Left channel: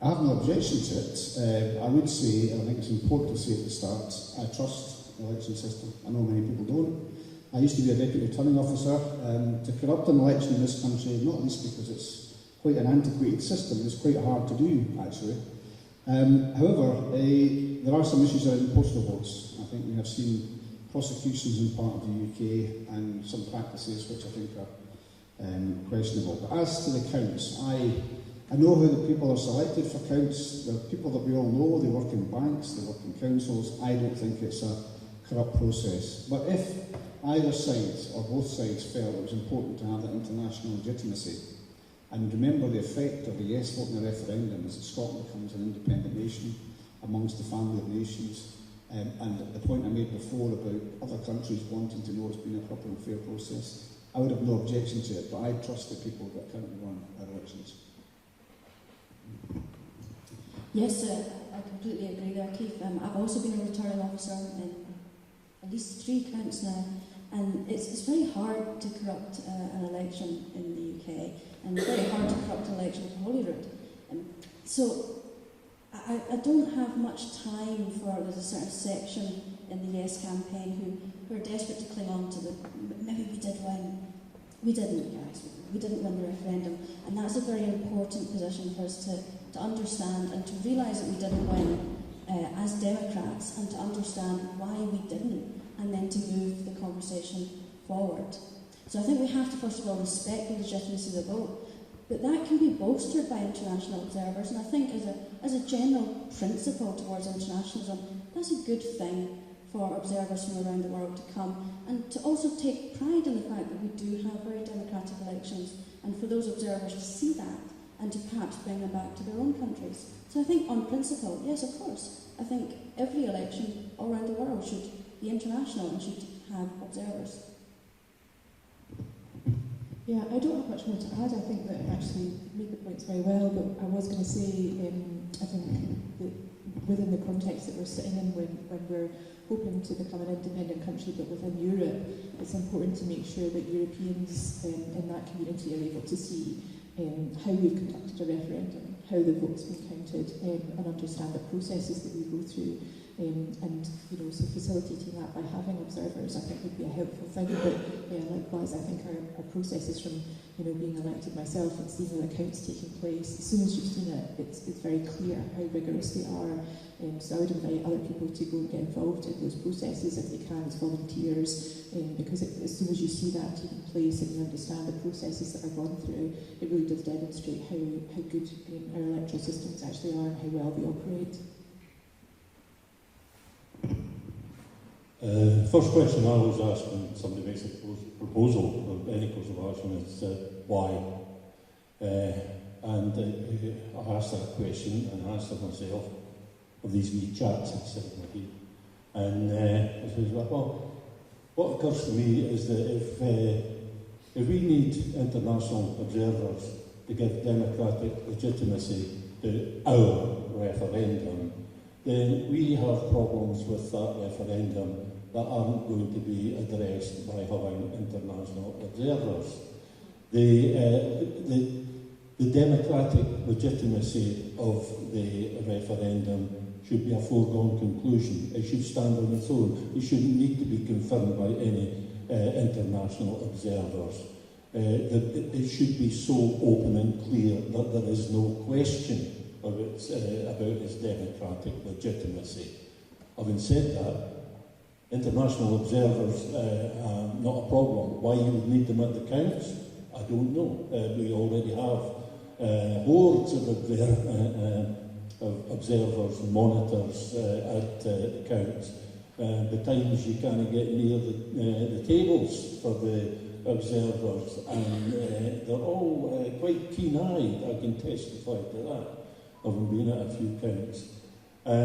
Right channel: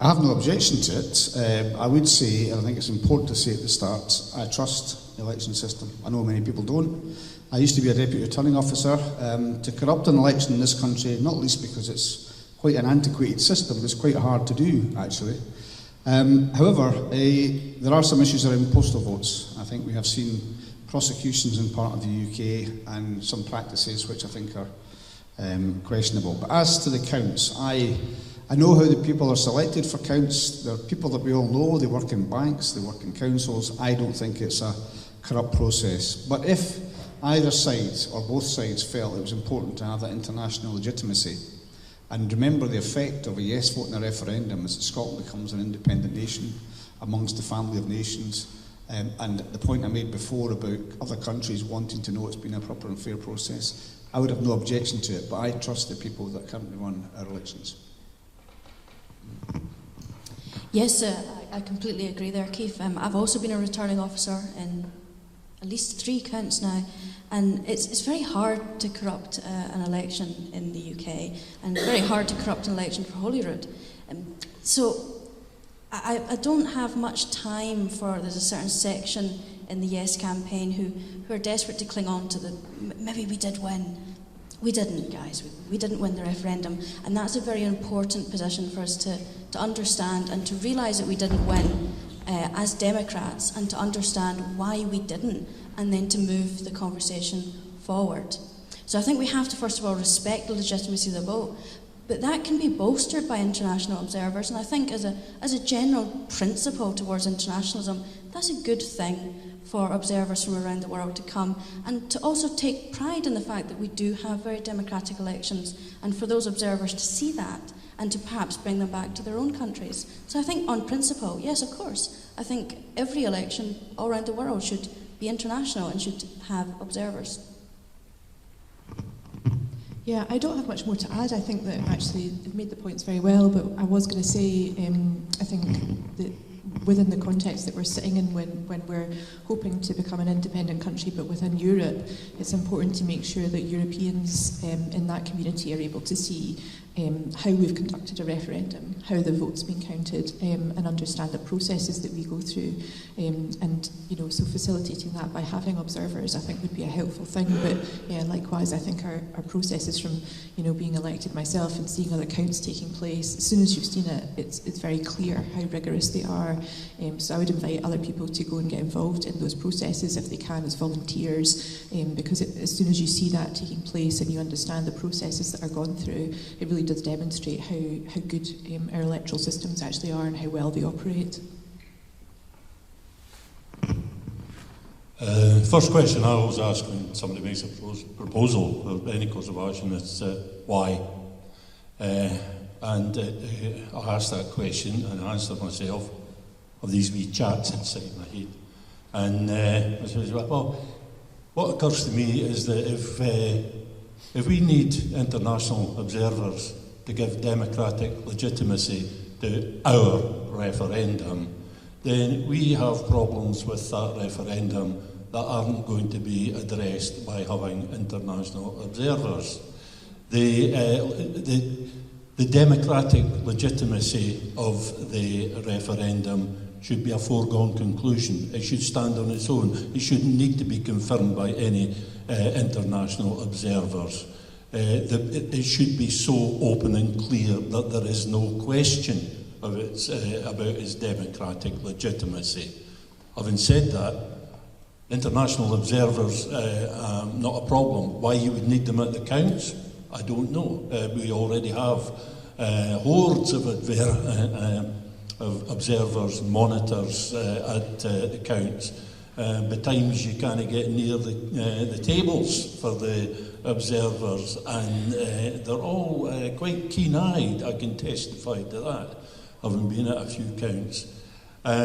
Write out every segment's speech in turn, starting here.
I have no objection to it. I would say, and I think it's important to say at the start, I trust the election system. I know many people don't. I used to be a deputy returning officer. To corrupt an election in this country, not least because it's quite an antiquated system, it's quite hard to do, actually. However, there are some issues around postal votes. I think we have seen prosecutions in part of the UK and some practices which I think are questionable. But as to the counts, I know how the people are selected for counts. They're people that we all know. They work in banks, they work in councils. I don't think it's a corrupt process. But if either side or both sides felt it was important to have that international legitimacy, and remember the effect of a yes vote in a referendum is that Scotland becomes an independent nation amongst the family of nations. And the point I made before about other countries wanting to know it's been a proper and fair process, I would have no objection to it, but I trust the people that currently run our elections. Yes, I completely agree there, Keith. I've also been a returning officer in at least 3 counts now, and it's very hard to corrupt an election in the UK, and very hard to corrupt an election for Holyrood. So I don't have much time for, there's a certain section in the Yes campaign who are desperate to cling on to maybe we did win. We didn't, guys. We didn't win the referendum, and that's a very important position for us to understand and to realise that we didn't win as Democrats, and to understand why we didn't, and then to move the conversation forward. So I think we have to first of all respect the legitimacy of the vote, but that can be bolstered by international observers, and I think as a general principle towards internationalism, that's a good thing for observers from around the world to come, and to also take pride in the fact that we do have very democratic elections, and for those observers to see that and to perhaps bring them back to their own countries. So I think on principle, yes, of course, I think every election all around the world should be international and should have observers. Yeah, I don't have much more to add. I think that actually it made the points very well, but I was going to say, I think that within the context that we're sitting in when we're hoping to become an independent country, but within Europe, it's important to make sure that Europeans in that community are able to see how we've conducted a referendum, how the vote's been counted, and understand the processes that we go through. And so facilitating that by having observers, I think, would be a helpful thing. But yeah, likewise, I think our processes from being elected myself and seeing other counts taking place, as soon as you've seen it, it's very clear how rigorous they are. So I would invite other people to go and get involved in those processes if they can as volunteers, because as soon as you see that taking place and you understand the processes that are gone through, it really does demonstrate how good our electoral systems actually are and how well they operate. First question I always ask when somebody makes a proposal of any cause of action is why? And I ask that question and answer myself of these wee chats inside my head. And I says, well, what occurs to me is that if we need international observers to give democratic legitimacy to our referendum, then we have problems with that referendum that aren't going to be addressed by having international observers. The democratic legitimacy of the referendum should be a foregone conclusion. It should stand on its own. It shouldn't need to be confirmed by any international observers. It should be so open and clear that there is no question of about its democratic legitimacy. Having said that, international observers not a problem. Why you would need them at the counts, I don't know. We already have hordes of observers, monitors at the counts. But times you can't get near the tables for the observers, and they're all quite keen-eyed. I can testify to that, having been at a few counts.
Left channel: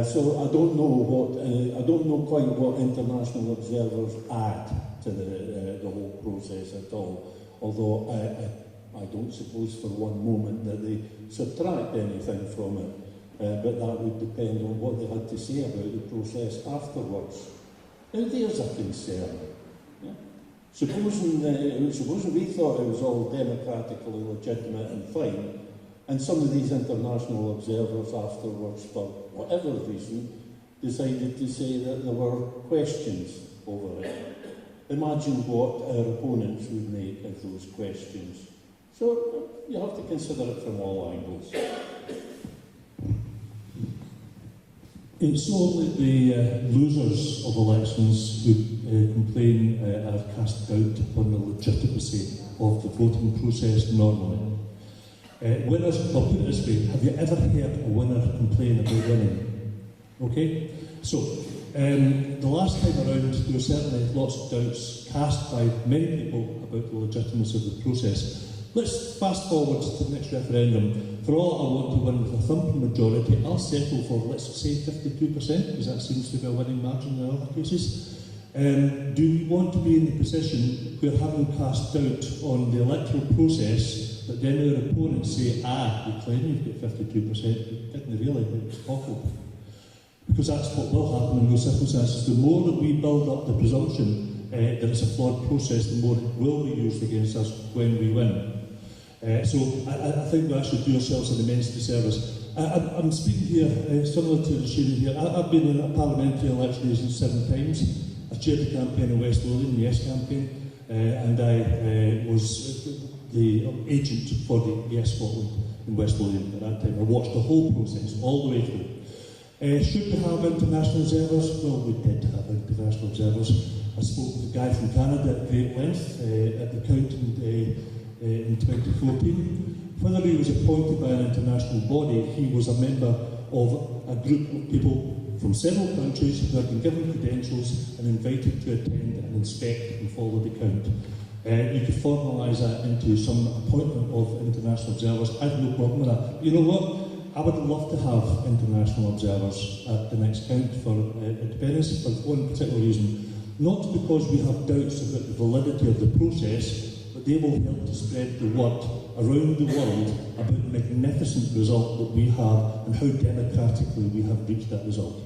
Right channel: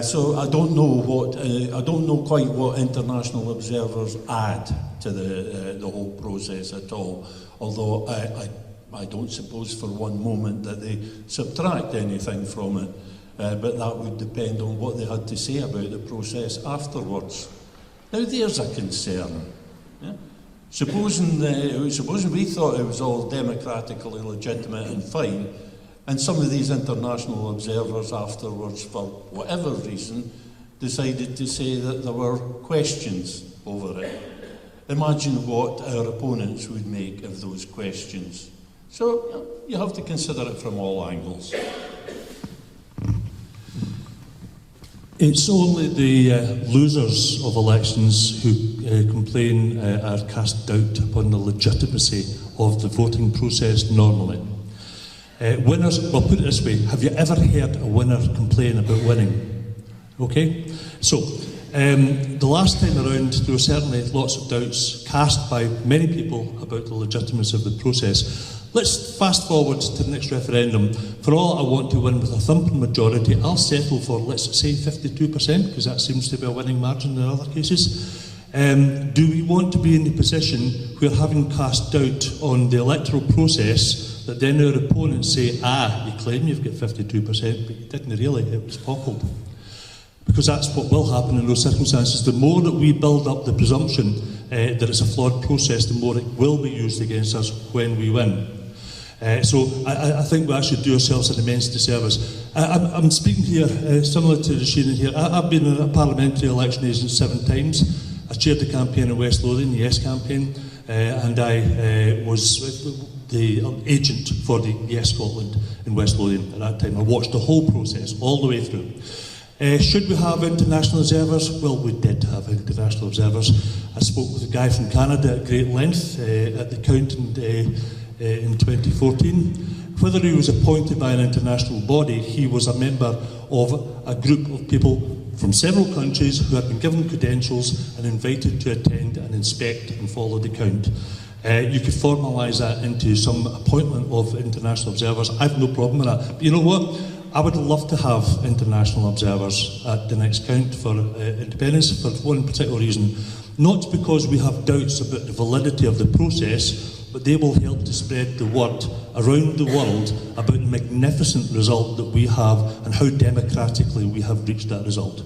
So I don't know quite what international observers add to the whole process at all. Although I don't suppose for one moment that they subtract anything from it. But that would depend on what they had to say about the process afterwards. Now there's a concern. Yeah? Supposing we thought it was all democratically legitimate and fine, And some of these international observers afterwards, for whatever reason, decided to say that there were questions over it. Imagine what our opponents would make of those questions. So you have to consider it from all angles. It's only the losers of elections who complain are cast doubt upon the legitimacy of the voting process normally. Winners, well, put it this way, have you ever heard a winner complain about winning? Okay? So, the last time around, there were certainly lots of doubts cast by many people about the legitimacy of the process. Let's fast forward to the next referendum. For all I want to win with a thumping majority, I'll settle for, let's say, 52%, because that seems to be a winning margin in other cases. Do we want to be in the position where, having cast doubt on the electoral process, that then our opponents say, you claim you've got 52%, but you didn't really, it was boggled. Because that's what will happen in those circumstances. The more that we build up the presumption that it's a flawed process, the more it will be used against us when we win. So I think we actually do ourselves an immense disservice. I'm speaking here, similar to Rashida here. I've been in a parliamentary election agent 7 times. I chaired the campaign in West Lothian, the Yes campaign, and I was the agent for the Yes Scotland in West Lothian at that time. I watched the whole process, all the way through. Should we have international observers? Well, we did have international observers. I spoke with a guy from Canada at great length at the Count in 2014. Whether he was appointed by an international body, he was a member of a group of people from several countries who had been given credentials and invited to attend and inspect and follow the count. You could formalise that into some appointment of international observers. I've no problem with that. But you know what? I would love to have international observers at the next count for independence for one particular reason. Not because we have doubts about the validity of the process, but they will help to spread the word around the world about the magnificent result that we have and how democratically we have reached that result.